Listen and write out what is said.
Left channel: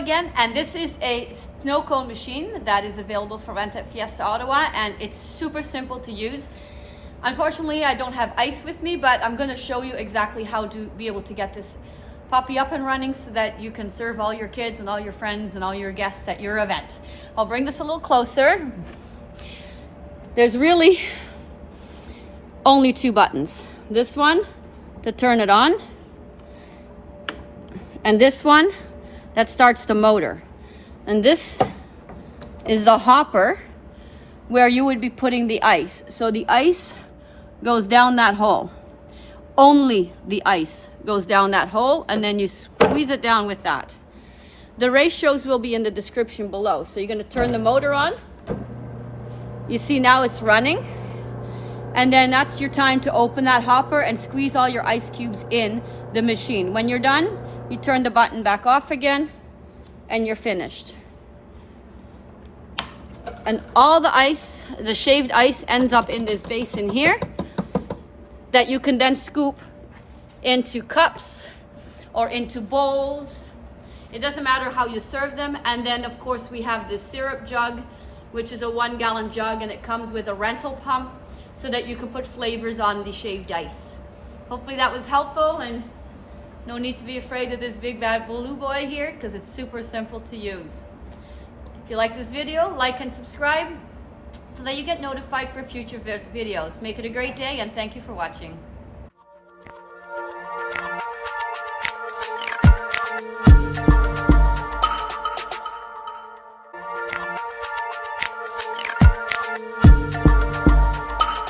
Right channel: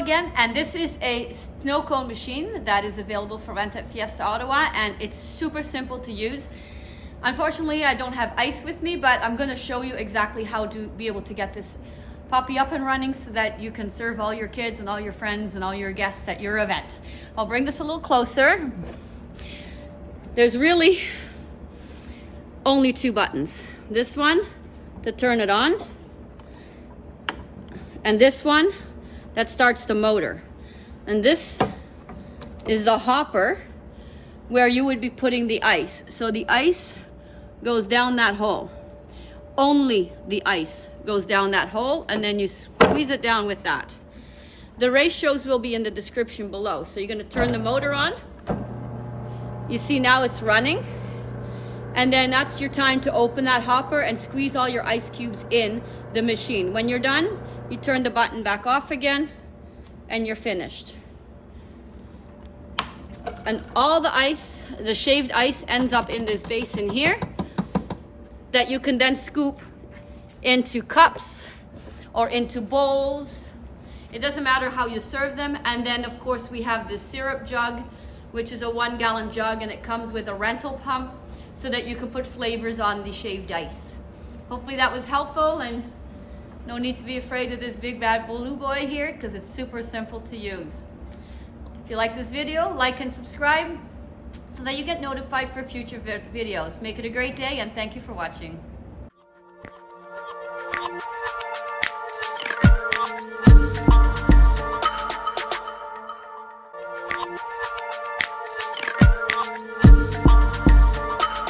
again, and this is a snow cone machine that is available for rent at Fiesta Ottawa, and it's super simple to use. Unfortunately, I don't have ice with me, but I'm going to show you exactly how to be able to get this puppy up and running so that you can serve all your kids and all your friends and all your guests at your event. I'll bring this a little closer. There's really only two buttons. This one to turn it on, and this one that starts the motor. And this is the hopper where you would be putting the ice. So the ice goes down that hole. Only the ice goes down that hole, and then you squeeze it down with that. The ratios will be in the description below. So you're going to turn the motor on. You see now it's running. And then that's your time to open that hopper and squeeze all your ice cubes in the machine. When you're done, you turn the button back off again, and you're finished. And all the ice, the shaved ice, ends up in this basin here that you can then scoop into cups or into bowls. It doesn't matter how you serve them. And then of course we have this syrup jug, which is a 1 gallon jug, and it comes with a rental pump so that you can put flavors on the shaved ice. Hopefully that was helpful, and no need to be afraid of this big bad blue boy here because it's super simple to use. If you like this video, like and subscribe so that you get notified for future videos. Make it a great day, and thank you for watching.